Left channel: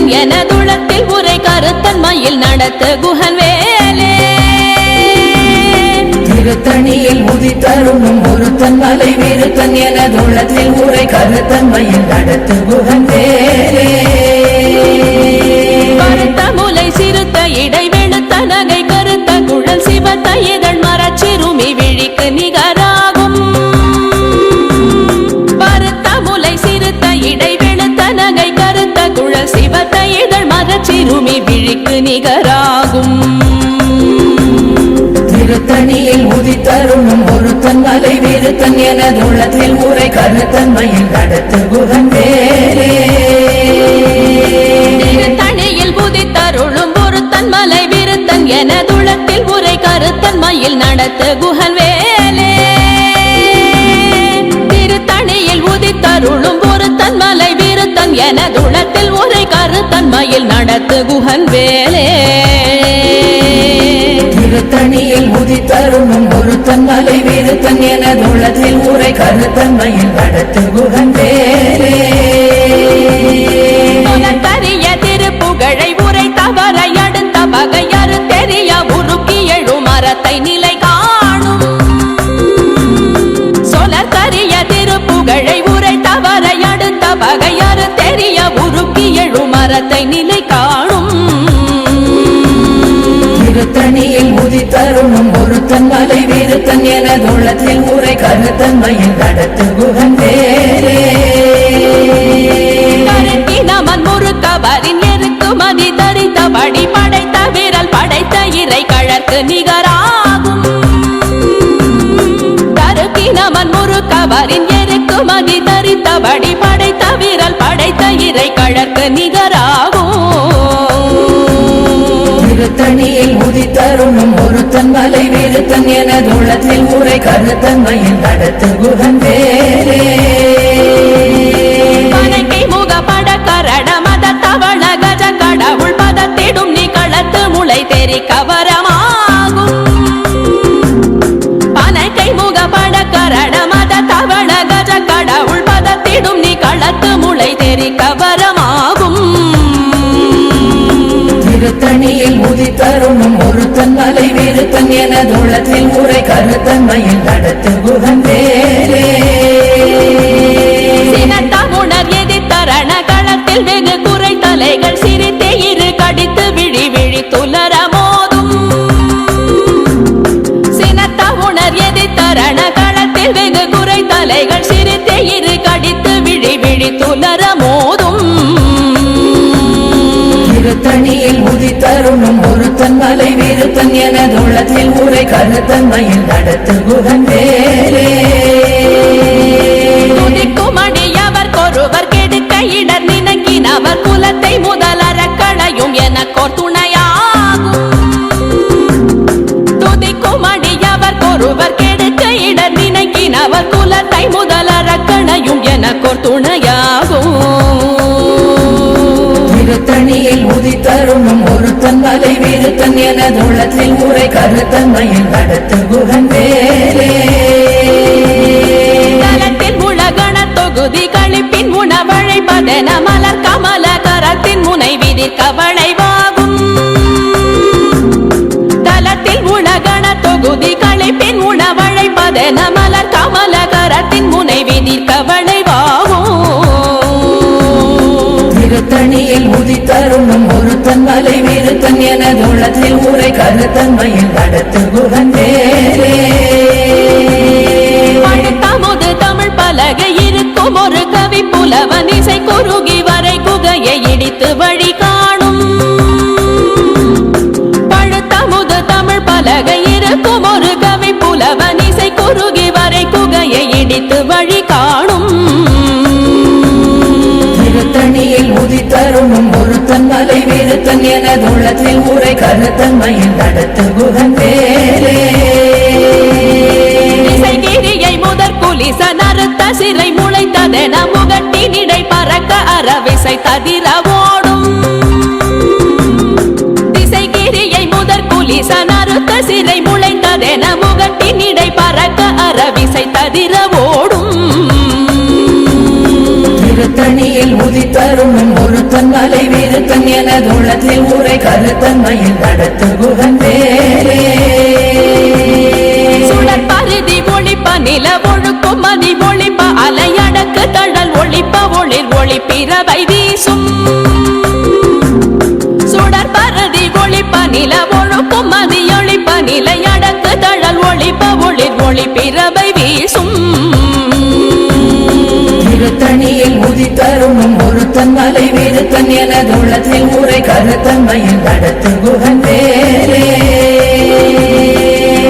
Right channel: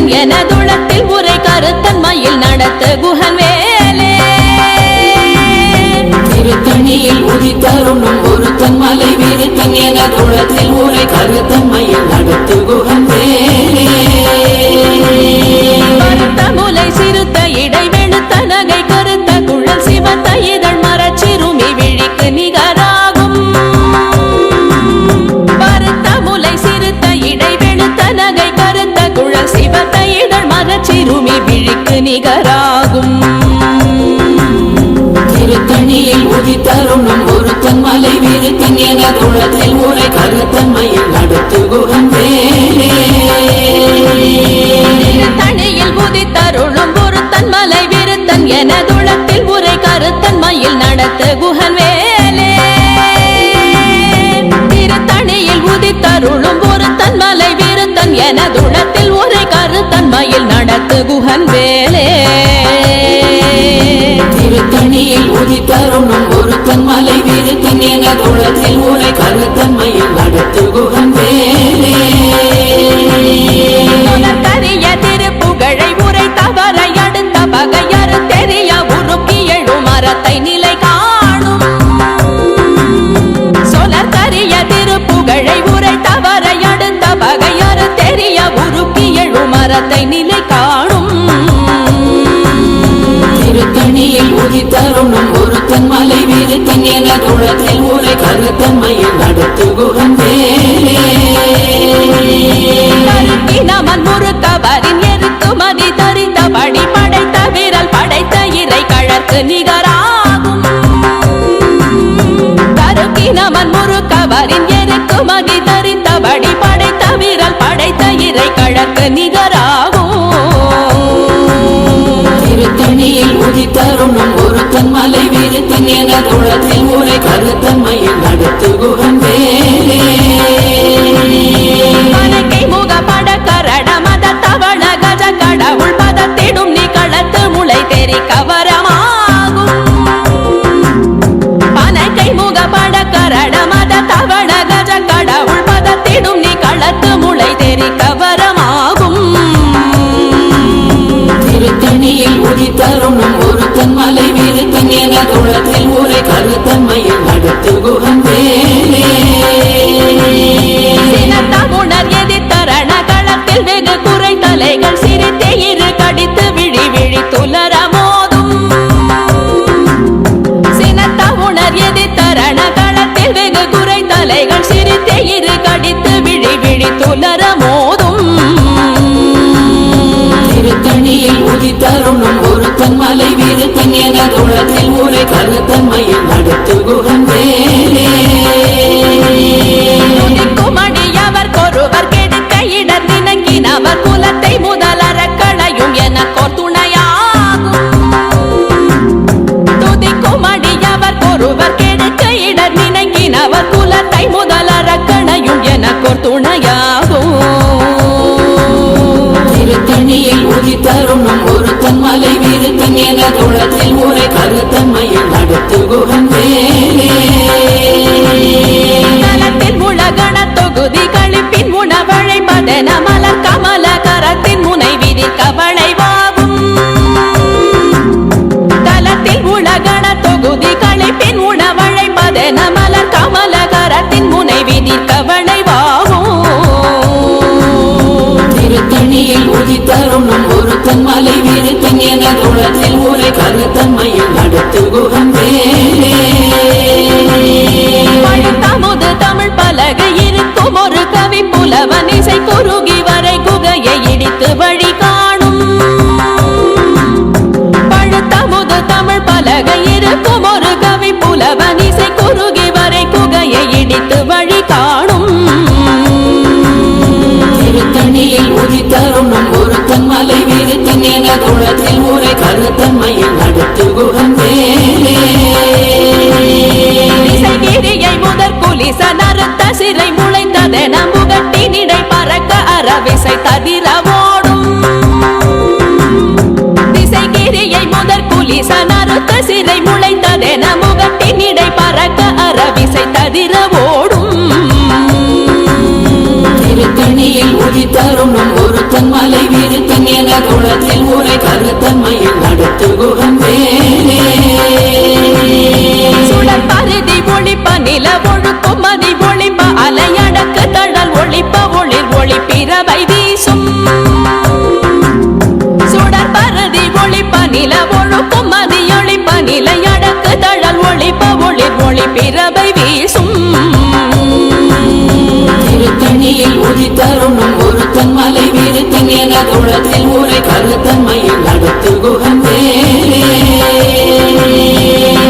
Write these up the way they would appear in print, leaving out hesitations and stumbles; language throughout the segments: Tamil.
விருத்தன் எனதுளத்தில் உரை கருத்தன்மையில் நடத்த குஹன் வேலே திருத்தணியில் உதித்தருளும் ஒருத்தன் மலை விருத்தன் எனதுளத்தில் உரை கருத்தன்மையில் நடத்து குஹன் வேலே கருத்த முலை சிறுத்த இடை வெளுத்த நகை கருத்த குழல் சிவத்த இதழ் மரச்சிறுமி விழிக்கு நிகராகும் பருத்த முலை சிறுத்த இடை வெளுத்த நகை கருத்த குழல் சிவத்த இதழ் மரச்சிறுமி விழிக்கு நிகராகும் திருத்தணியில் உதித்தருளும் ஒருத்தன் மலை விருத்தன் எனதுளத்தில் உரை கருத்தன்மையில் நடத்து குஹன் வேலே திருத்தணியில் உதித்தருளும் ஒருத்தன் மலை விருத்தன் எனதுளத்தில் உரை கருத்தன்மையில் நடத்த குஹன் வேலே திருத்தணியில் உதித்தருளும் ஒருத்தன் மலை விருத்தன் எனதுளத்தில் உரை கருத்தன்மையில் நடத்து குஹன் வேலே திருத்தணியில் உதித்தருளும் ஒருத்தன் மலை விருத்தன் எனதுளத்தில் உரை கருத்தன்மையில் நடத்து குஹன் வேலே கரிய திருப்புகழை உரை தவற அடுத்த பகையறு தெரிய உருக்கி எழும் மரத்தை நிலை காணும் சொலற்கரிய திருப்புகழை உரை தவற அடுத்த பகையறு தெரிய உருக்கி எழும் மரத்தை நிலை காணும் திருத்தணியில் உதித்தருளும் ஒருத்தன் மலை விருத்தன் எனதுளத்தில் உரை கருத்தன்மையில் நடத்து குஹன் வேலே நமன் முறுக்கவரின் எருக்குமதி தரித்தபடி படைத்த விரல் படைத்த இறை கழற்கு நிகராகும் தருக்கி நமன் முறுக்கவரின் எருக்குமதி தரித்தபடி படைத்த விரல் படைத்த இறை கழற்கு நிகராகும் திருத்தணியில் உதித்தருளும் ஒருத்தன் மலை விருத்தன் எனதுளத்தில் உரை கருத்தன்மையில் நடத்து குஹன் வேலே பனக்கை முக பட கரட மத தவள கஜ கடவுள் பதத்திடும் நீ களத்து முளை தெரி கவரமாகும் பனக்கை முக பட கரட மத தவள கஜ கடவுள் பதத்திடும் நீ களத்து முளை தெரி கவரமாகும் திருத்தணியில் உதித்தருளும் ஒருத்தன் மலை விருத்தன் எனதுளத்தில் உரை கருத்தன்மையில் நடத்து குஹன் வேலே சினத்தமுணர் எதிர்த்தரண களத்தில் வெகு குறை தலைகள் சிரித்தே இரு கடித்து விழி விழி துலர மோதும் சினத்தமுணர் எதிர்த்தரண களத்தில் வெகு குறை தலைகள் சிரித்தே இரு கடித்து விழி விழி துலர மோதும் திருத்தணியில் உதித்தருளும் ஒருத்தன் மலை விருத்தன் எனதுளத்தில் உரை கருத்தன்மையில் நடத்து குஹன் வேலே துதிக்குமடியவர் கொருவர் கெடுக்க இடர் நினைக்கினவர் குலத்தை முதலற களையும் எனக்கோர் துணையாகும் துதிக்குமடியவர் கொருவர் கெடுக்க இடர் நினைக்கினவர் குலத்தை முதலற களையும் எனக்கோர் துணையாகும் திருத்தணியில் உதித்தருளும் ஒருத்தன் மலை விருத்தன் எனதுளத்தில் உரை கருத்தன்மையில் நடத்து குஹன் வேலே தலத்தில் உலகண தொகுதி கழிப்பின் உணவழைப்பதென மலர் கமல கரத்தின் முனை விதிர்க்க வளைவாகும் தலத்தில் உலகண தொகுதி கழிப்பின் உணவழைப்பதென மலர் கமல கரத்தின் முனை விதிர்க்க வளைவாகும் திருத்தணியில் உதித்தருளும் ஒருத்தன் மலை விருத்தன் எனதுளத்தில் உரை கருத்தன்மையில் நடத்து குஹன் வேலே பழுத்தமுது தமிழ் பலகை இருக்கும் ஒரு கவி புலவன் இசை குறுகி வரை குகையை இடித்து வழி காணும் பழுத்தமுது தமிழ் பலகை இருக்கும் ஒரு கவி புலவன் இசை குறுகி வரை குகையை இடித்து வழி காணும் திருத்தணியில் உதித்தருளும் ஒருத்தன் மலை விருத்தன் எனதுளத்தில் உரை கருத்தன்மையில் நடத்து குஹன் வேலே திசைகிரியை முதற் குலிச நறுத்த சிறை முளைத்ததென முகட்டினிடை பறக்க அறவிசை ததிர ஓடும் திசைகிரியை முதற் குலிச நறுத்த சிறை முளைத்ததென முகட்டினிடை பறக்க அறவிசை ததிர ஓடும் திருத்தணியில் உதித்த உதித்தருணும் ஒருத்தன் மலை வீருத்தன் எனதுள்ளத்தில் உரை கருத்தன்மையில் நடத்து குகன் வேலே சுடர் பருதி ஒளிப்ப நில ஒழுக்கும் மதி ஒளிப்ப அலையடக்கு தழல் ஒளிப்ப ஒளிர் ஒளிப்பிரவை வீசும் சுடர் பருதி ஒளிப்ப நில ஒழுக்கும் மதி ஒளிப்ப நிலையடக்கு தழல் ஒளிப்ப ஒளிர் ஒளிப்பிரவை வீசும் திருத்தணியில் உதித்தருணும் ஒருத்தன் மலை வீருத்தன் எனதுள்ளத்தில் உரை கருத்தன்மையில் நடத்து குகன் வேலே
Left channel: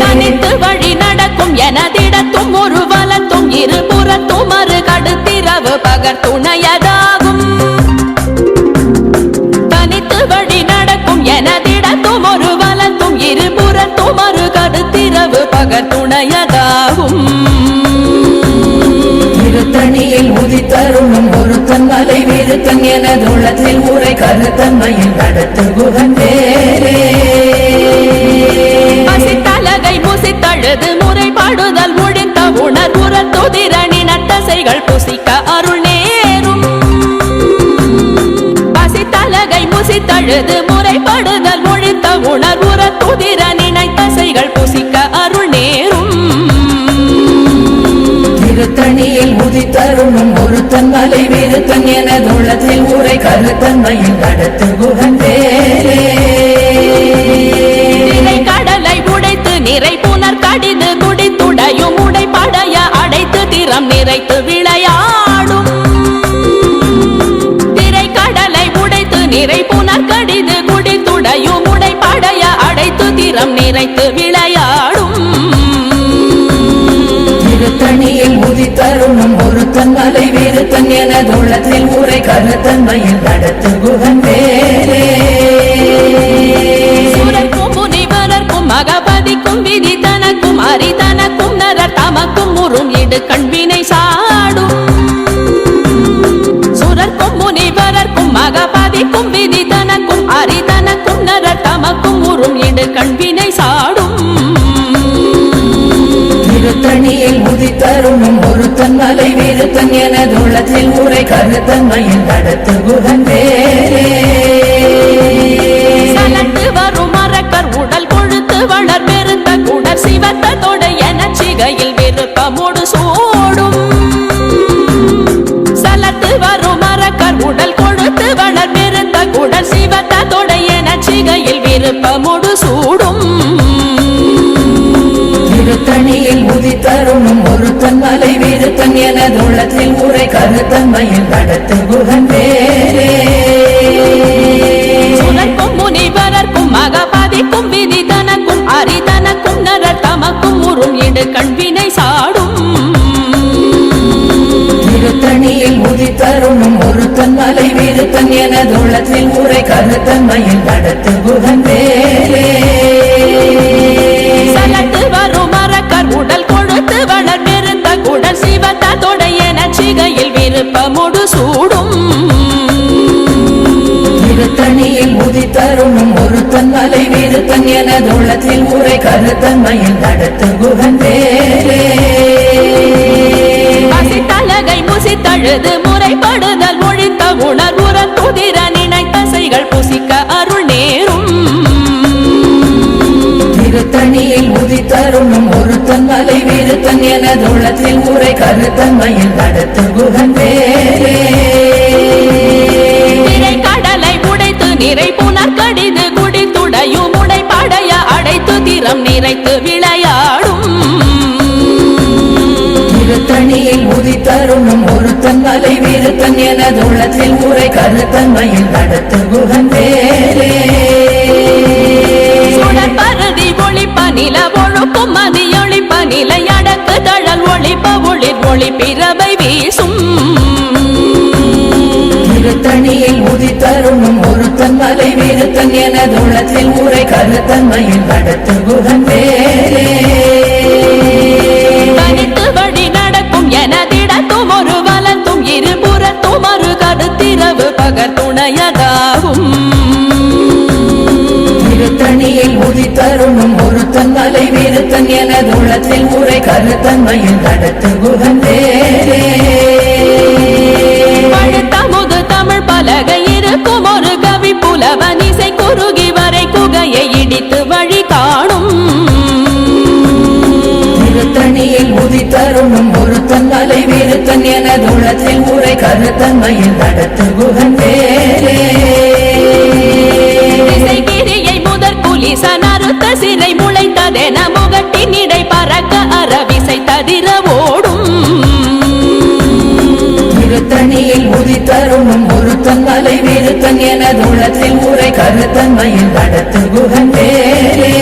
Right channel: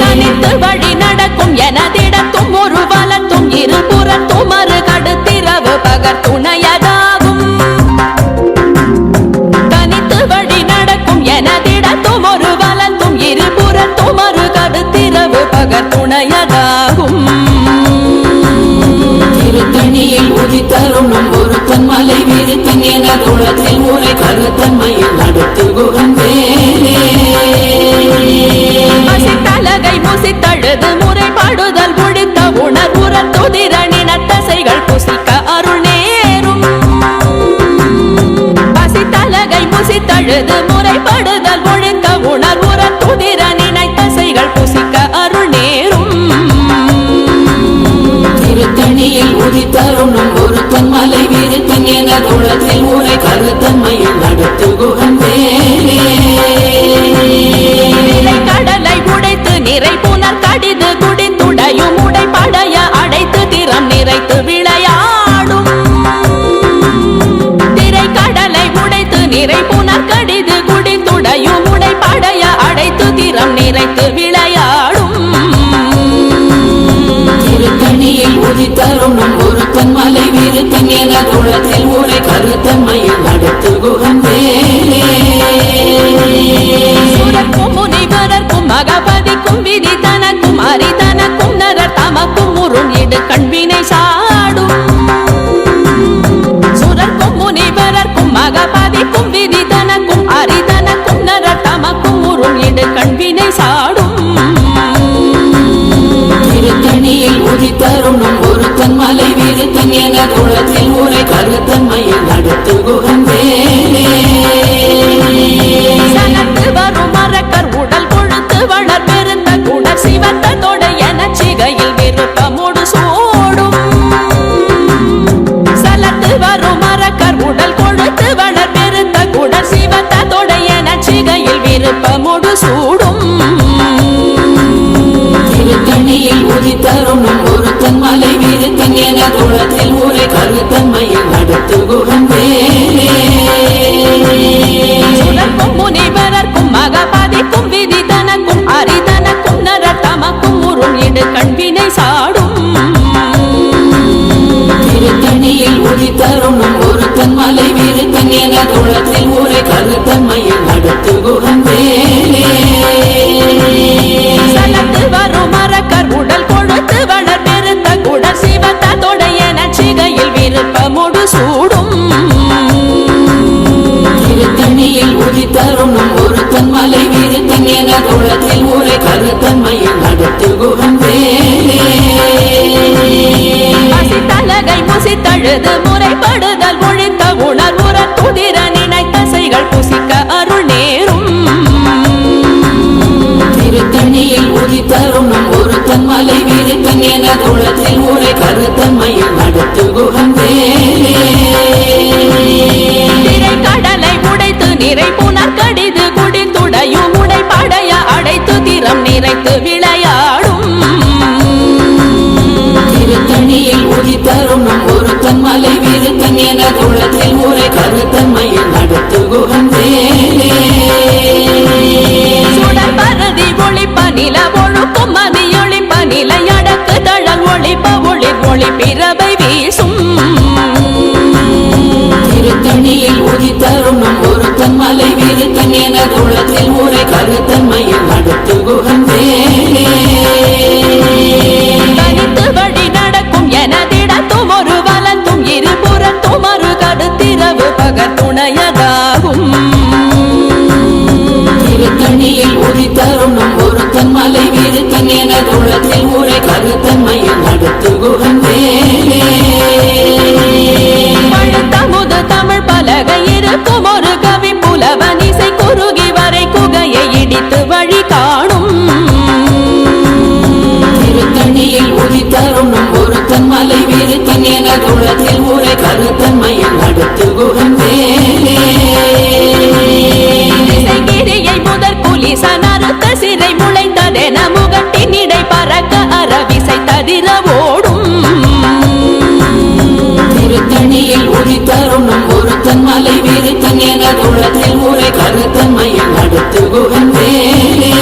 தனித்து வழி நடக்கும் எனதிடத்தும் ஒரு வலத்தும் இருபுறத்தும் மறு கடுத்திரவு பகர் துணையதாகும் தனித்து வழி நடக்கும் எனதிடத்தும் ஒரு வலத்தும் இருபுறத்தும் மறு கடுத்திரவு பகர் துணையதாகும் திருத்தணியில் உதித்தருணும் ஒருத்தன் மலை வீருத்தன் எனதுள்ளத்தில் உரை கருத்தன்மையில் நடத்து குகன் வேலே பசித்தலகை முசித்தழுது முறைப்பாடுதல் ஒழித்த உணர்வுற துதிரணின தசைகள் புசிக்க அருள் நேரும் பசித்தலகை முசித்தழுது முறைப்படுதல் ஒழித்த உணர்வுற துதிரணின தசைகள் புசிக்க அருள் நேரும் திருத்தணியில் உதித்தருணும் ஒருத்தன் மலை வீருத்தன் எனதுள்ளத்தில் உரை கருத்தன்மையில் நடத்து குகன் வேலே கடலை உடைத்து நிறை புனர் கடிது குடித்துடையும் உடைப்படைய அடைத்து திறம் நிறைத்து விளையாடும் திரை கடலை உடைத்து நிறை புனர் கடிது குடித்துடையும் உடைப்படைய அடைத்து திறம் நிறைத்து விளையாடும் திருத்தணியில் உதித்தருணும் ஒருத்தன் மலை வீருத்தன் எனதுள்ளத்தில் உரை கருத்தன்மையில் நடத்து குகன் வேலே சுரர்க்கும் முனிவரர்க்கும் மகபதிக்கும் விதி தனக்கும் அரிதனக்கும் நரர் தமக்கும் உறும் இடு கண்வினை சாடும் சுரர்க்கும் முனிவரர்க்கும் மகபதிக்கும் விதி தனக்கும் அரிதனக்கும் நரர் தமக்கும் உறும் இடு கண்வினை சாடும் திருத்தணியில் உதித்தருணும் ஒருத்தன் மலை வீருத்தன் எனதுள்ளத்தில் உரை கருத்தன்மையில் நடத்து குகன் வேலே சலத்து வரும் மரக்கர் உடல் கொழுத்து வளர் பெருத்த குடர் சிவத்த தொடை என சிகையில் விருப்பமோடு சூடும் சலத்து வரும் மரக்கர் உடல் கொழுத்து வளர் பெருத்த குடர் சிவத்த தொடை என சிகையில் விருப்பமோடு சூடும் திருத்தணியில் உதித்தருணும் ஒருத்தன் மலை வீருத்தன் எனதுள்ளத்தில் உரை கருத்தன்மையில் நடத்து குகன் வேலே சுரர்க்கும் முனிவரர்க்கும் மகபதிக்கும் விதி தனக்கும் அரிதனக்கும் நரர் தமக்கும் உறும் இடு கண்வினை சாடும் திருத்தணியில் உதித்தருணும் ஒருத்தன் மலை வீருத்தன் எனதுள்ளத்தில் உரை கருத்தன்மையில் நடத்து குகன் வேலே சலத்து வரும் மரக்கர் உடல் கொழுத்து வளர் பெருத்த குடர் சிவத்த தொடை என சிகையில் விருப்பமோடு சூடும் திருத்தணியில் உதித்தருணும் ஒருத்தன் மலை வீருத்தன் எனதுள்ளத்தில் உரை கருத்தன்மையில் நடத்து குகன் வேலே பசித்தலகை முசித்தழுது முறைப்படுதல் ஒழித்த உணர்வுற துதிர நினைத்தசைகள் புசிக்க அருள் நேரும் திருத்தணியில் உதித்தருணும் ஒருத்தன் மலை வீருத்தன் எனதுள்ளத்தில் உரை கருத்தன்மையில் நடத்து குகன் வேலே திரை கடலை உடைத்து நிறை புனர் கடிது குடித்துடையும் உடைப்படைய அடைத்து திறம் நிறைத்து விளையாடும் திருத்தணியில் உதித்தருணும் ஒருத்தன் மலை வீருத்தன் எனதுள்ளத்தில் உரை கருத்தன்மையில் நடத்து குகன் வேலே சுடர் பருதி ஒளிப்ப நில ஒழுக்கும் மதி ஒளிப்ப நிலையடக்கு தழல் ஒளிப்ப ஒளிர் ஒளிப்பிரவை வீசும் திருத்தணியில் உதித்தருணும் ஒருத்தன் மலை வீருத்தன் எனதுள்ளத்தில் உரை கருத்தன்மையில் நடத்து குகன் வேலே தனித்து வழி நடக்கும் எனதிடத்தும் ஒரு வலத்தும் இருபுறத்தும் மறு கடுத்திரவு பகர் துணையதாகும் திருத்தணியில் உதித்தருணும் ஒருத்தன் மலை வீருத்தன் எனதுள்ளத்தில் உரை கருத்தன்மையில் நடத்து குகன் வேலே எழுத்தமுது தமிழ் பலகை இருக்கும் ஒரு கவி புலவன் இசை குறுகி வரை குகையை இடித்து வழி காணும் திருத்தணியில் உதித்தருணும் ஒருத்தன் மலை வீருத்தன் எனது உள்ளத்தில் ஊரை கருத்தன்மையில் நடத்து குகன் வேலே திசைகிரியை முதற் குலிசன் அறுத்த சிறை முளைத்ததென முகட்டின் இடை பறக்க அறவிசை ததிர ஓடும் திருத்தணியில் உதித்தருணும் ஒருத்தன் மலை வீருத்தன் எனது உள்ளத்தில் ஊரை கருத்தன்மையில் நடத்து குகன் வேலே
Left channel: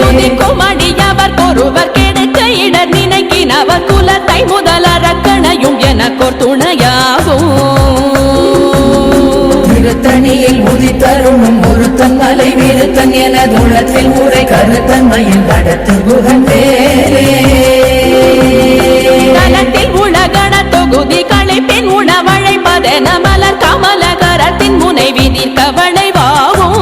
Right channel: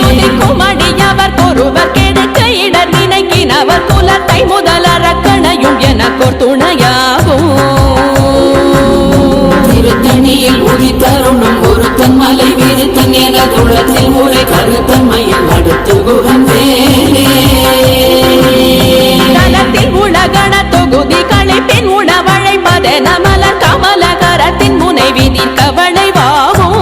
துதிக்கும் அடியவர் ஒருவர் கெடுக்க இடர் நினைக்கினவர் குலத்தை முதல் அரக்கணையும் எனக்கோர் துணையாகும் திருத்தணியில் உதித்தருணும் ஒருத்தன் மலை வீருத்தன் எனது உள்ளத்தில் ஊரை கருத்தன்மையில் நடத்து குகன் வேலே தலத்தில் உலகண தொகுதி களைப்பின் உணவழைப்பதென மலர் கமலகரத்தின் முனைவி கவளைவாகும்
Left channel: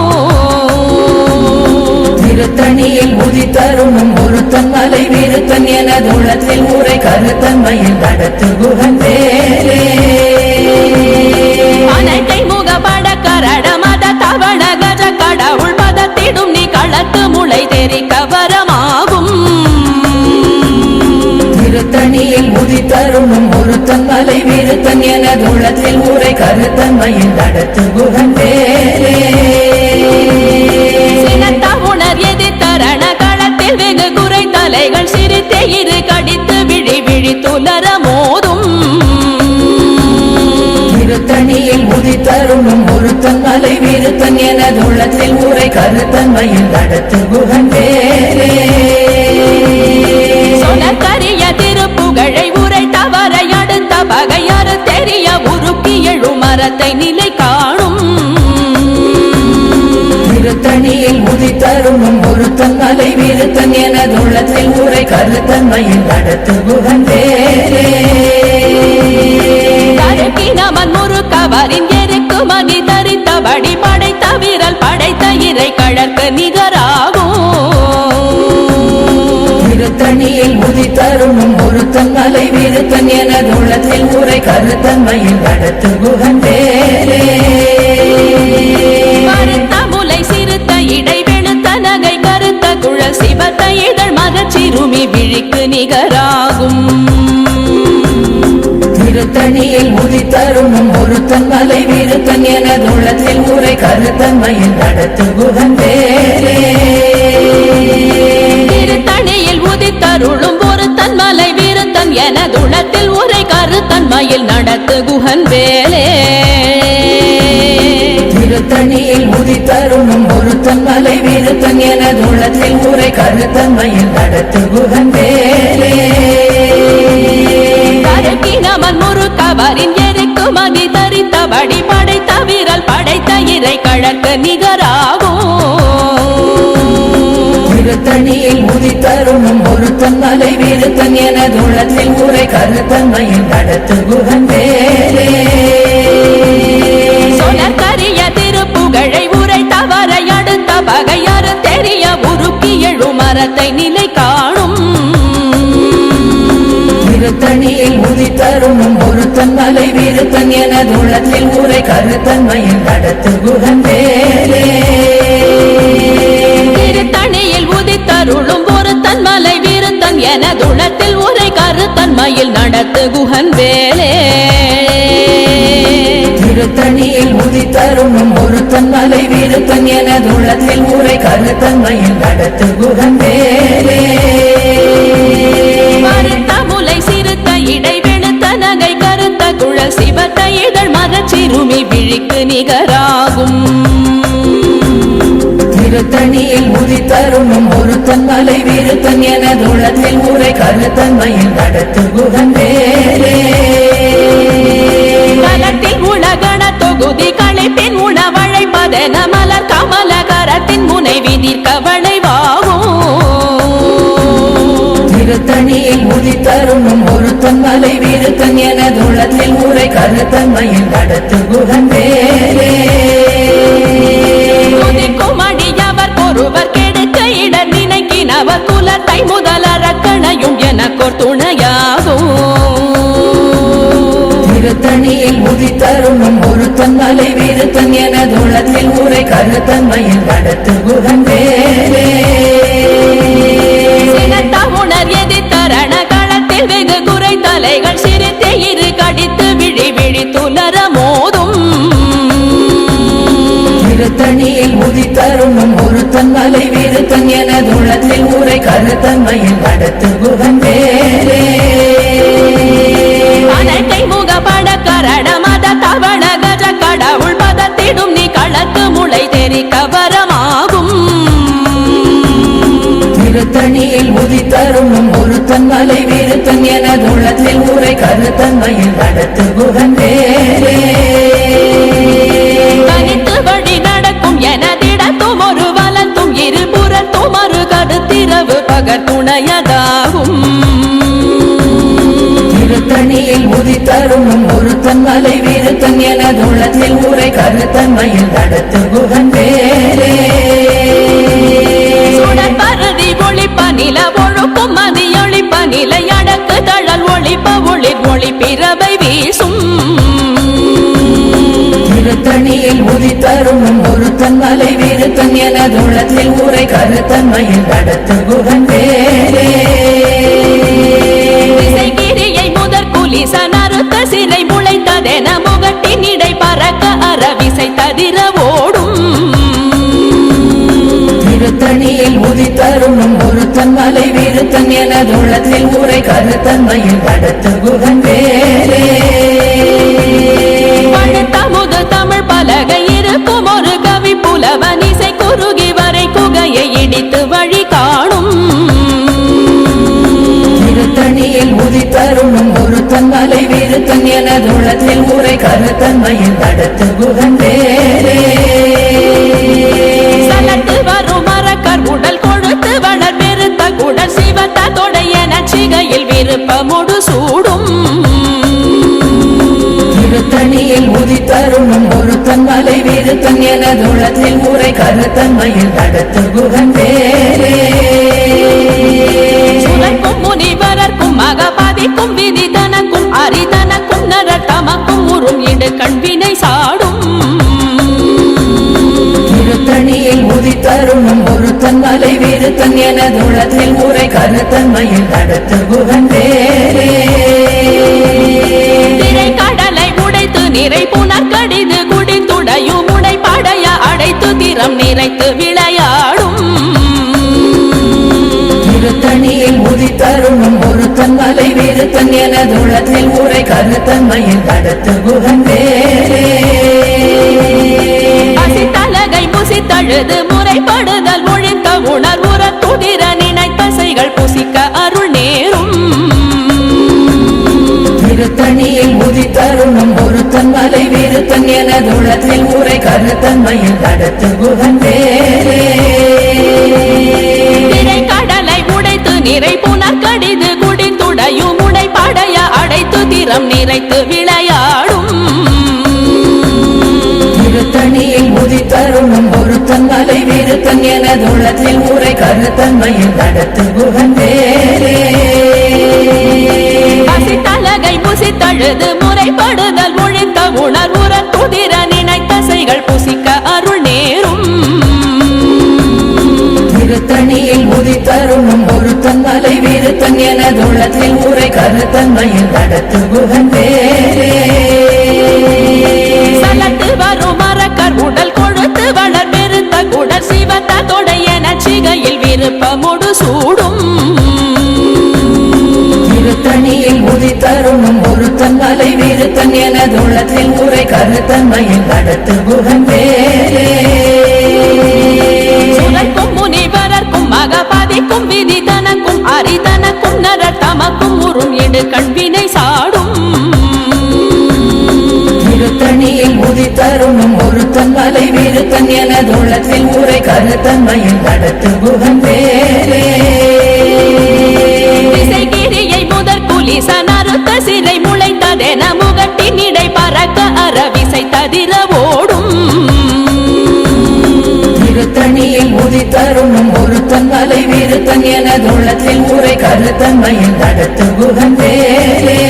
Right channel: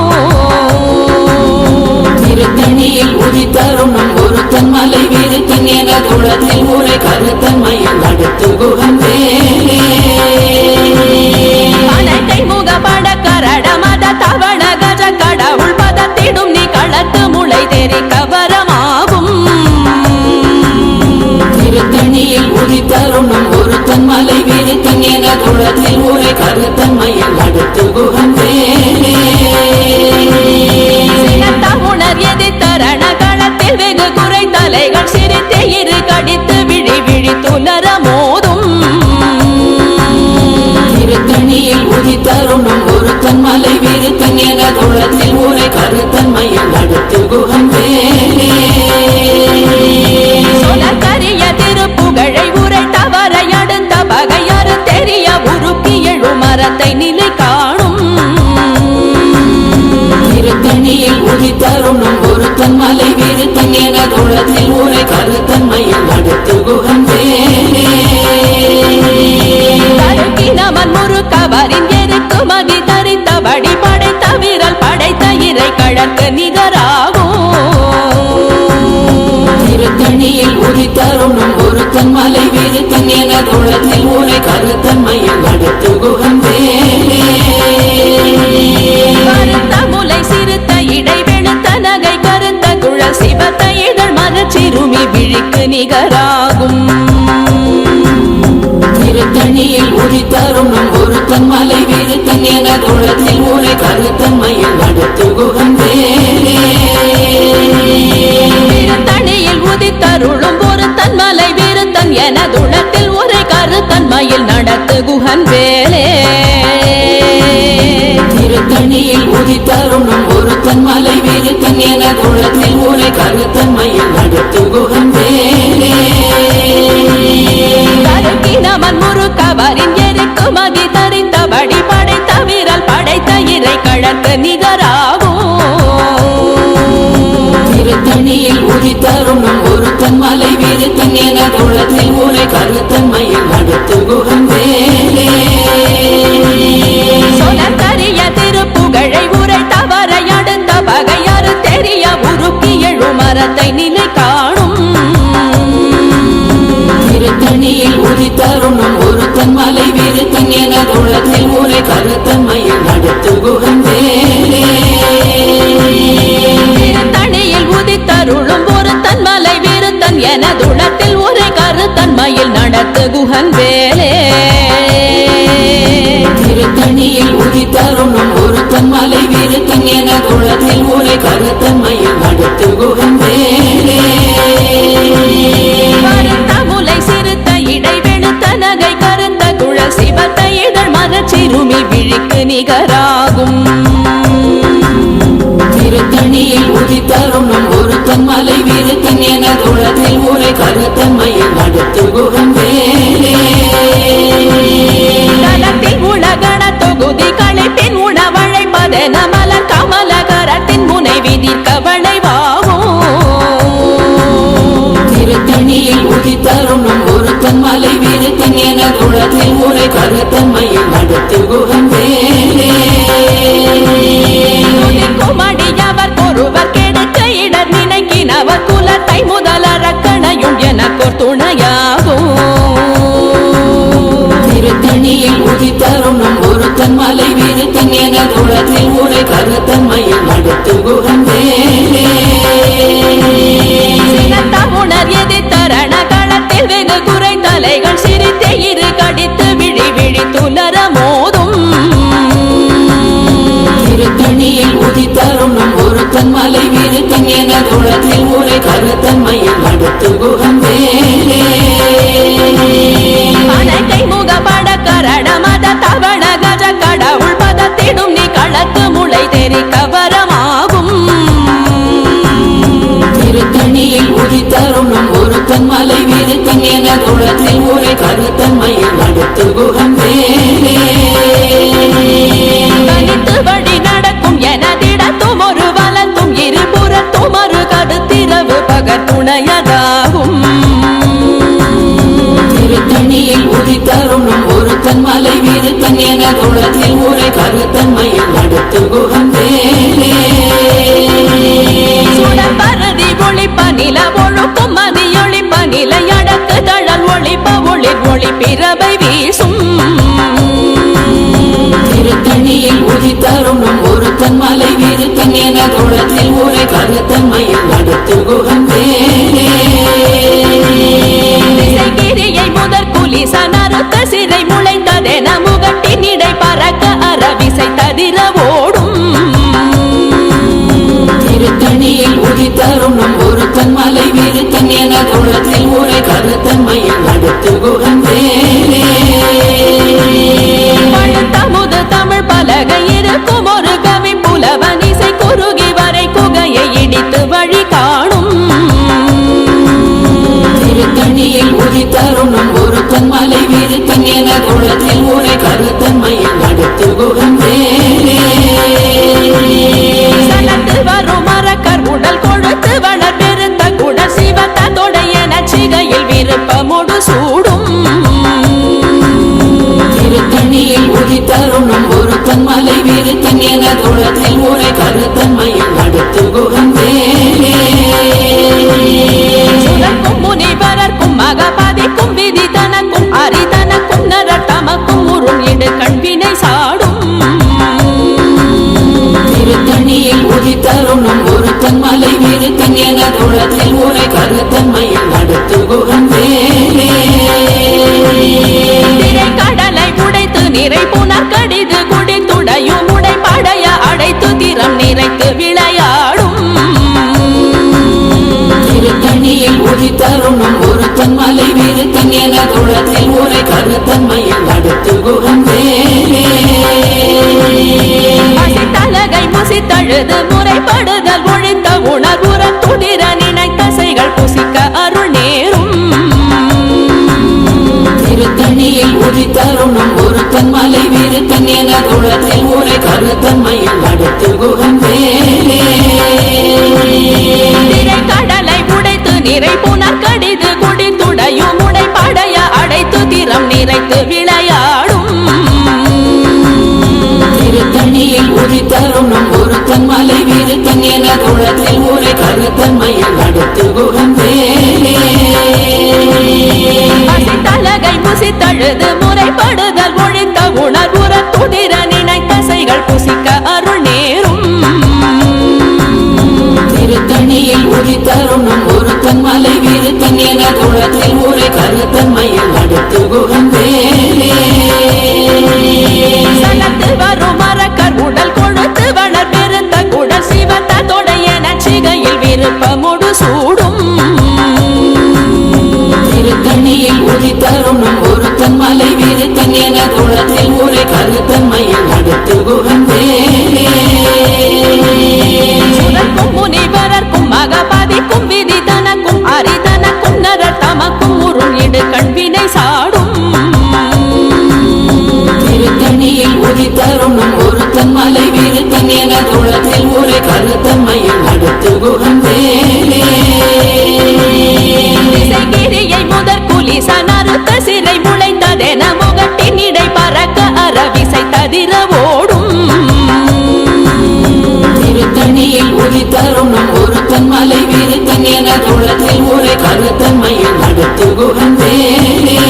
திருத்தணியில் உதித்தருணும் ஒருத்தன் மலை வீருத்தன் எனது உள்ளத்தில் ஊரை கருத்தன்மையில் நடத்து குகன் வேலே அனைத்தை முகப்பட கரட மத தவள கஜ கடவுள் பதத்திடும் நீ களத்து முளை தெரி கவரமாகும் திருத்தணியில் உதித்தருணும் ஒருத்தன் மலை வீருத்தன் எனது உள்ளத்தில் ஊரை கருத்தன்மையில் நடத்து குகன் வேலே சினத்த உணர் எதிர்த்தரண களத்தில் வெகு குறை தலைகள் சிரித்தே இரு கடித்து விழி விழி துலர மோதும் திருத்தணியில் உதித்தருணும் ஒருத்தன் மலை வீருத்தன் எனது உள்ளத்தில் ஊரை கருத்தன்மையில் நடத்து குகன் வேலே சொலக்கரிய திருப்புகழை உரை தவறை அடுத்த பகையாறு தெரிய உருக்கி எழு மரத்தை நிலை காணும் திருத்தணியில் உதித்தருணும் ஒருத்தன் மலை வீருத்தன் எனது உள்ளத்தில் ஊரை கருத்தன்மையில் நடத்து குகன் வேலே தருக்கினமன் முறுக்கவரின் எருக்கு மதி தரித்தபடி படைத்த வீரல் படைத்த இறை கழற்கு நிகராகும் திருத்தணியில் உதித்தருணும் ஒருத்தன் மலை வீருத்தன் எனது உள்ளத்தில் ஊரை கருத்தன்மையில் நடத்து குகன் வேலே கருத்த முலை சிறுத்த இடை வெளுத்த நகை கருத்த குழல் சிவத்த இதழ் மரச்சிறுமி விழிக்கு நிகராகும் திருத்தணியில் உதித்தருணும் ஒருத்தன் மலை வீருத்தன் எனது உள்ளத்தில் ஊரை கருத்தன்மையில் நடத்து குகன் வேலே திருத்தணியில் உதித்தருளும் ஒருத்தன் மலை வீருத்தன் எனதுளத்தில் உரை கருத்தன்மையில் நடத்து குகன் வேலே திருத்தணியில் உதித்தருணும் ஒருத்தன் மலை வீருத்தன் எனது உள்ளத்தில் ஊரை கருத்தன்மையில் நடத்து குகன் வேலே தருக்கினமன் முறுக்கவரின் எருக்கு மதி தரித்தபடி படைத்த வீரல் படைத்த இறை கழற்கு நிகராகும் திருத்தணியில் உதித்தருணும் ஒருத்தன் மலை வீருத்தன் எனது உள்ளத்தில் ஊரை கருத்தன்மையில் நடத்து குகன் வேலே சொலக்கரிய திருப்புகழை உரை தவறை அடுத்த பகையாறு தெரிய உருக்கி எழு மரத்தை நிலை காணும் திருத்தணியில் உதித்தருணும் ஒருத்தன் மலை வீருத்தன் எனது உள்ளத்தில் ஊரை கருத்தன்மையில் நடத்து குகன் வேலே திருத்தணியில் உதித்தருளும் ஒருத்தன் மலை வீருத்தன் எனதுளத்தில் உரை கருத்தன்மையில் நடத்து குகன் வேலே திருத்தணியில் உதித்தருணும் ஒருத்தன் மலை வீருத்தன் எனது உள்ளத்தில் ஊரை கருத்தன்மையில் நடத்து குகன் வேலே கருத்த முலை சிறுத்த இடை வெளுத்த நகை கருத்த குழல் சிவத்த இதழ் மரச்சிறுமி விழிக்கு நிகராகும் திருத்தணியில் உதித்தருணும் ஒருத்தன் மலை வீருத்தன் எனது உள்ளத்தில் ஊரை கருத்தன்மையில் நடத்து குகன் வேலே தலத்தில் உலகண தொகுதி களைப்பின் உணவழைப்பதென மலர் கமலகரத்தின் முனைவி கவளைவாகும் திருத்தணியில் உதித்தருணும் ஒருத்தன் மலை வீருத்தன் எனது உள்ளத்தில் ஊரை கருத்தன்மையில் நடத்து குகன் வேலே துதிக்கும் அடியவர் ஒருவர் கெடுக்க இடர் நினைக்கினவர் குலத்தை முதல் அரக்கணையும் எனக்கோர் துணையாகும் உதித்தருணும் ஒருத்தன் மலை விருத்தன் எனது உள்ளத்தில் ஊரை கருத்தன்மையில் நடத்து குகன் வேலே உணர் எதி தரண களத்தில் வெகு குறை தலைகள் சிரித்தே இரு கடித்து விழி விழி துலர மோதும் திருத்தணியில் உதித்தருணும் ஒருத்தன் மலை விருத்தன் எனது உள்ளத்தில் ஊரை கருத்தன்மையில் நடத்து குகன் வேலே அனைக்கை முக பட கரட மத தவள கஜ கடவுள் பதத்திடும் நீ களத்து முளை தெரி கவரமாகும் திருத்தணியில் உதித்தருணும் ஒருத்தன் மலை விருத்தன் எனது உள்ளத்தில் ஊரை கருத்தன்மையில் நடத்து குகன் வேலே தனித்து வழி நடக்கும் எனதிடத்தும் ஒரு வலத்தும் இருபுறத்தும் ஒரு கருத்திரவு பகர் துணையதாகும் திருத்தணியில் உதித்தருணும் ஒருத்தன் மலை விருத்தன் எனது உள்ளத்தில் ஊரை கருத்தன்மையில் நடத்து குகன் வேலே சுடற்பருதி ஒளிப்ப நில ஒழுக்கும் மதியொளிப்ப நிலை அடக்கு தழல் ஒளிப்ப ஒளிர் ஒளி பிறவை வீசும் திருத்தணியில் உதித்தருணும் ஒருத்தன் மலை விருத்தன் எனது உள்ளத்தில் ஊரை கருத்தன்மையில் நடத்து குகன் வேலே திசைகிரியை முதற் குலிச நறுத்த சிறை முளைத்ததென முகட்டின் இடை பறக்க அறவிசை ததிர ஓடும் திருத்தணியில் உதித்தருணும் ஒருத்தன் மலை விருத்தன் எனது உள்ளத்தில் ஊரை கருத்தன்மையில் நடத்து குகன் வேலே பழுத்தமுது தமிழ் பலகை இருக்கும் ஒரு கவி புலவன் இசை குறுகி வரை குகையை இடித்து வழி காணும் திருத்தணியில் உதித்தருணும் ஒருத்தன் மலை விருத்தன் எனது உள்ளத்தில் ஊரை கருத்தன்மையில் நடத்து குகன் வேலே சலத்து வரும் மரக்கர் உடல் கொழுத்து வளர் பெருத்த குடல் சிவத்த தொடைய நச்சிகையில் விருப்பமுடு சூடும் திருத்தணியில் உதித்தருணும் ஒருத்தன் மலை விருத்தன் எனது உள்ளத்தில் ஊரை கருத்தன்மையில் நடத்து குகன் வேலே சுரக்கும் முனிவரர்க்கும் மகபாதிக்கும் விதி தனக்கும் அரிதனக்கும் நரர் தமக்கும் உறும் இடு கண்வினை சாடும் திருத்தணியில் உதித்தருணும் ஒருத்தன் மலை விருத்தன் எனது உள்ளத்தில் ஊரை கருத்தன்மையில் நடத்து குகன் வேலே திரை கடலை உடைத்து நிறை புனர் கடிது குடித்துடையும் உடை படைய அடைத்து திறம் நிறைத்து விளையாடும் திருத்தணியில் உதித்தருணும் ஒருத்தன் மலை விருத்தன் எனது உள்ளத்தில் ஊரை கருத்தன்மையில் நடத்து குகன் வேலே பசித்தலகை முசித்தழுது முறைப்படுதல் ஒழித்த உணர்வுற துதிர நினைத்தசைகள் புசிக்க அருள் நேரும் திருத்தணியில் உதித்தருணும் ஒருத்தன் மலை விருத்தன் எனது உள்ளத்தில் ஊரை கருத்தன்மையில் நடத்து குகன் வேலே திரை கடலை உடைத்து நிறை புனர் கடிது குடித்துடையும் உடை படைய அடைத்து திறம் நிறைத்து விளையாடும் திருத்தணியில் உதித்தருணும் ஒருத்தன் மலை விருத்தன் எனது உள்ளத்தில் ஊரை கருத்தன்மையில் நடத்து குகன் வேலே பசித்தலகை முசித்தழுது முறைப்படுதல் ஒழித்த உணர்வுற துதிர நினைத்தசைகள் புசிக்க அருள் நேரும் திருத்தணியில் உதித்தருணும் ஒருத்தன் மலை விருத்தன் எனது உள்ளத்தில் ஊரை கருத்தன்மையில் நடத்து குகன் வேலே சலத்து வரும் மரக்கர் உடல் கொழுத்து வளர் பெருத்த குடல் சிவத்த தொடைய நச்சிகையில் விருப்பமுடு சூடும் திருத்தணியில் உதித்தருணும் ஒருத்தன் மலை விருத்தன் எனது உள்ளத்தில் ஊரை கருத்தன்மையில் நடத்து குகன் வேலே சுரக்கும் முனிவரர்க்கும் மகபாதிக்கும் விதி தனக்கும் அரிதனக்கும் நரர் தமக்கும் உறும் இடு கண்வினை சாடும் திருத்தணியில் உதித்தருணும் ஒருத்தன் மலை விருத்தன் எனது உள்ளத்தில் ஊரை கருத்தன்மையில் நடத்து குகன் வேலே திசைகிரியை முதற் குலிச நறுத்த சிறை முளைத்ததென முகட்டின் இடை பறக்க அறவிசை ததிர ஓடும் திருத்தணியில் உதித்தருணும் ஒருத்தன் மலை விருத்தன் எனது உள்ளத்தில் ஊரை கருத்தன்மையில் நடத்து குகன் வேலே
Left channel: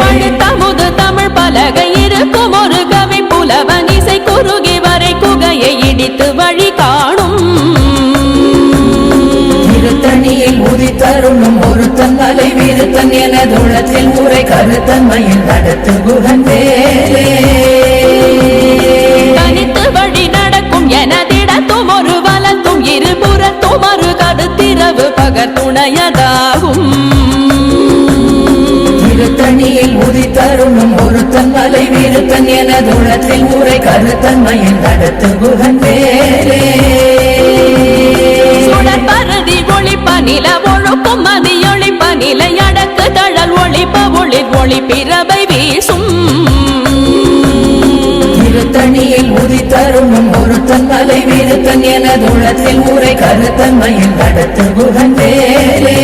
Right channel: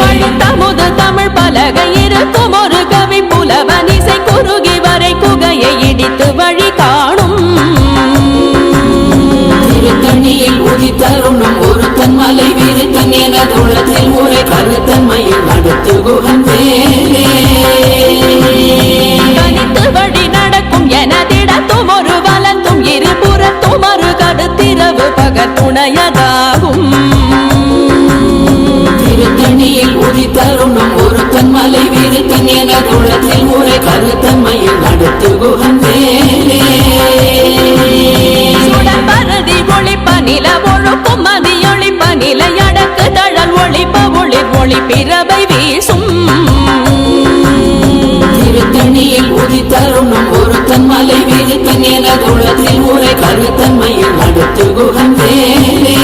பழுத்தமுது தமிழ் பலகை இருக்கும் ஒரு கவி புலவன் இசை குறுகி வரை குகையை இடித்து வழி காணும் திருத்தணியில் உதித்தருணும் ஒருத்தன் மலை விருத்தன் எனதுள்ளத்தில் உரை கருத்தன்மையில் நடத்து குகன் வேலே தனித்து வழி நடக்கும் எனதிடத்தும் ஒரு வலத்தும் இருபுறத்தும் ஒரு கடுத்திரவு பகர் துணையதாகும் திருத்தணியில் உதித்தருணும் ஒருத்தன் மலை விருத்தன் எனதுள்ளத்தில் உரை கருத்தன்மையில் நடத்து குகன் வேலே சுடற்பரதி ஒளிப்ப நில ஒழுக்கும் மதியொளிப்ப நிலை அடக்கு தழல் ஒளிப்ப ஒளிர் ஒளி பிறவை வீசும் திருத்தணியில் உதித்தருணும் ஒருத்தன் மலை விருத்தன் எனதுள்ளத்தில் உரை கருத்தன்மையில் நடத்து குகன் வேலே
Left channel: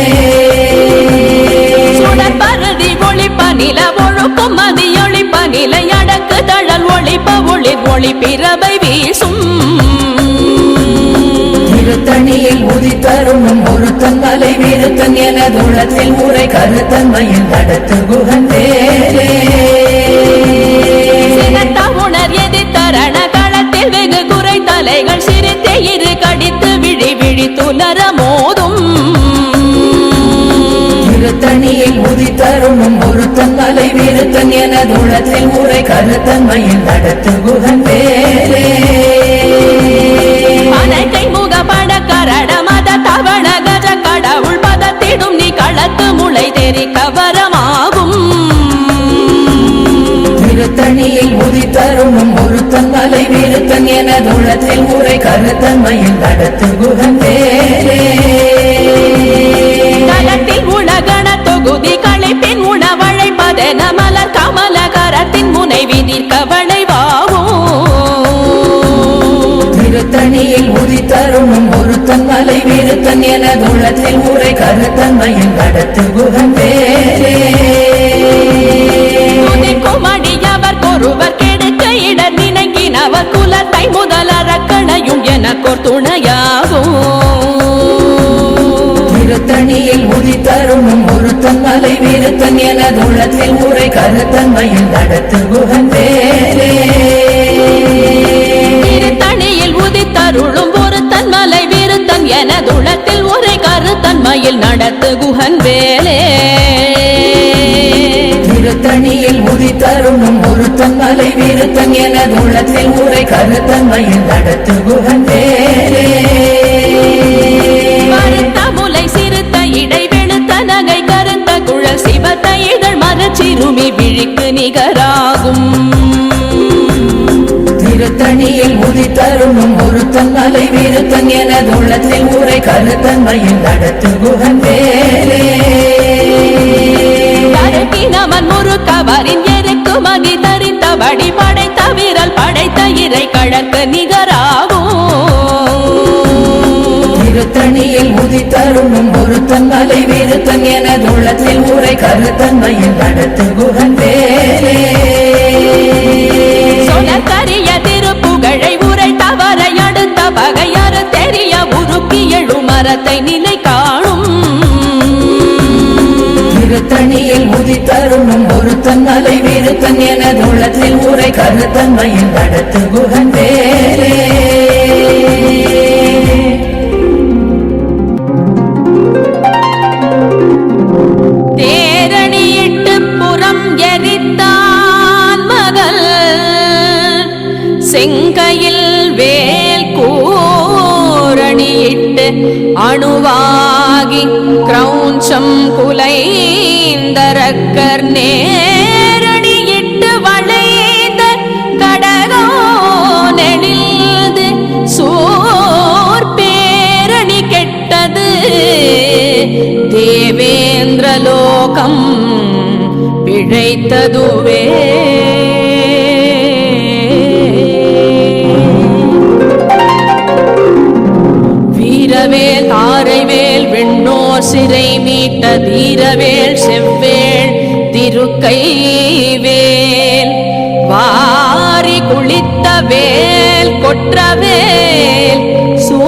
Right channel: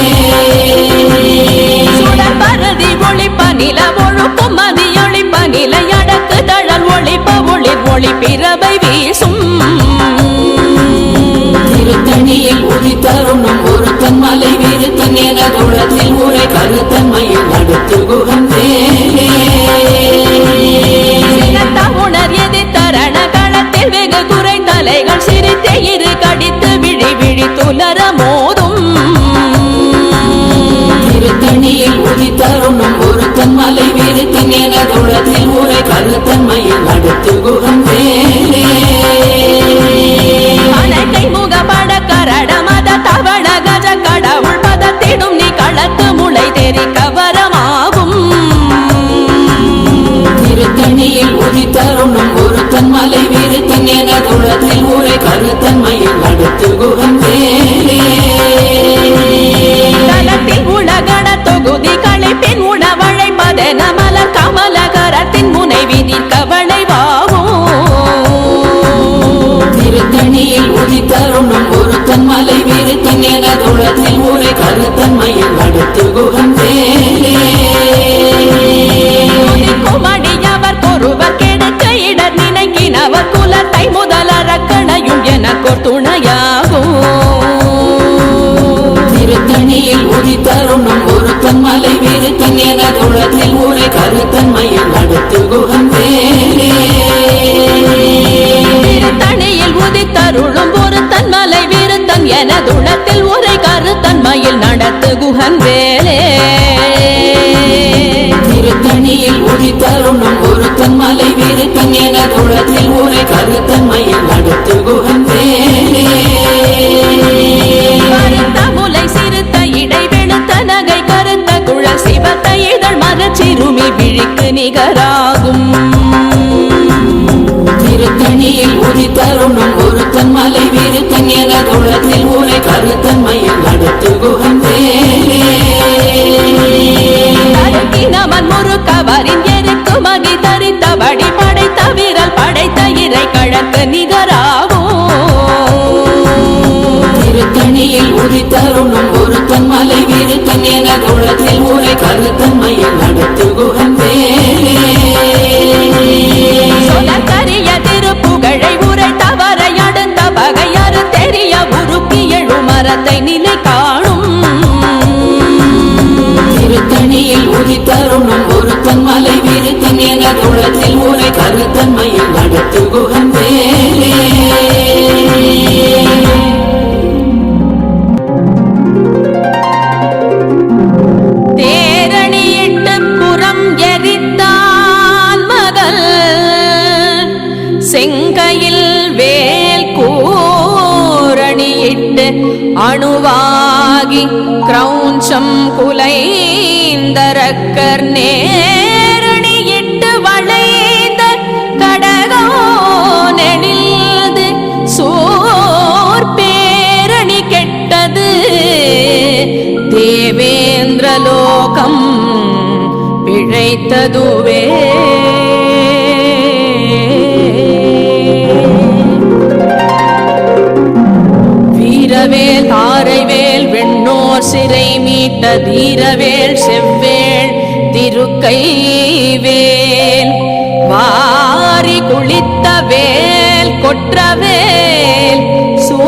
சுடற்பரதி ஒளிப்ப நில ஒழுக்கும் மதியொளிப்ப நிலை அடக்கு தழல் ஒளிப்ப ஒளிர் ஒளி பிறவை வீசும் திருத்தணியில் உதித்தருணும் ஒருத்தன் மலை விருத்தன் எனதுள்ளத்தில் உரை கருத்தன்மையில் நடத்து குகன் வேலே சினத்த உணர் எதிர்த்தரண களத்தில் வெகு குறை தலைகள் சிரித்தே இரு கடித்து விழி விழி துலர மோதும் திருத்தணியில் உதித்தருணும் ஒருத்தன் மலை விருத்தன் எனதுள்ளத்தில் உரை கருத்தன்மையில் நடத்து குகன் வேலே அனைக்கை முகப்பட கரட மத தவள கஜ கடவுள் பதத்திடும் நீ களத்து முளை தெரி கவரமாகும் திருத்தணியில் உதித்தருணும் ஒருத்தன் மலை விருத்தன் எனதுள்ளத்தில் உரை கருத்தன்மையில் நடத்து குகன் வேலே தலத்தில் உலகண தொகுதி களைப்பின் உணவழைப்பதென மலர் கமல கரத்தின் முனை விதிர் கவளைவாகும் திருத்தணியில் உதித்தருணும் ஒருத்தன் மலை விருத்தன் எனதுள்ளத்தில் உரை கருத்தன்மையில் நடத்து குகன் வேலே துதிக்கும் அடியவர் கொருவர் கெடுக்க இடர் நினைக்கினவர் குலத்தை முதலறக்கணையும் எனக்கோர் துணையாகும் திருத்தணியில் உதித்தருணும் ஒருத்தன் மலை விருத்தன் எனதுள்ளத்தில் உரை கருத்தன்மையில் நடத்து குகன் வேலே திருத்தணியில் உதித்தருளும் ஒருத்தன் மலை விருத்தன் எனதுளத்தில் உரை கருத்தன்மையில் நடத்து குகன் வேலே திருத்தணியில் உதித்தருணும் ஒருத்தன் மலை விருத்தன் எனதுள்ளத்தில் உரை கருத்தன்மையில் நடத்து குகன் வேலே கருத்த முலை சிறுத்த இடை வெளுத்த நகை கருத்த குழல் சிவத்த இதழ் மரச்சிறுமி விழிக்கு நிகராகும் திருத்தணியில் உதித்தருணும் ஒருத்தன் மலை விருத்தன் எனதுள்ளத்தில் உரை கருத்தன்மையில் நடத்து குகன் வேலே தருக்கினமன் முறுக்கவரின் எருக்கு மகி தரித்தபடி படைத்த விரல் படைத்த இறை கழற்கு நிகராகும் திருத்தணியில் உதித்தருணும் ஒருத்தன் மலை விருத்தன் எனதுள்ளத்தில் உரை கருத்தன்மையில் நடத்து குகன் வேலே சொலக்கரிய திருப்புகழை உரை தவறை அடுத்த பகையாறு தெரிய உருக்கி எழு மரத்தை நிலை காணும் திருத்தணியில் உதித்தருணும் ஒருத்தன் மலை விருத்தன் எனதுள்ளத்தில் உரை கருத்தன்மையில் நடத்து குகன் வேலே தேரணியிட்டு புறம் எரித்தான் மகள் செங்கையில் வேல் கூரணியிட்டு அணுவாகி கிரௌஞ்சம் குலைந்தரக்கர் நேரணியிட்டு வளைந்த கடகோ நெடில்து சோர் பேரணி கெட்டது தேவேந்திரலோகம் பிழைத்ததுவே வீரவேல் தாரைவேல் வெண்ணோர் சிறை மீட்ட தீரவேல் செவ்வேள் திருக்கைவேல் வாரி குளித்த வேல் கொற்றவேல் சூ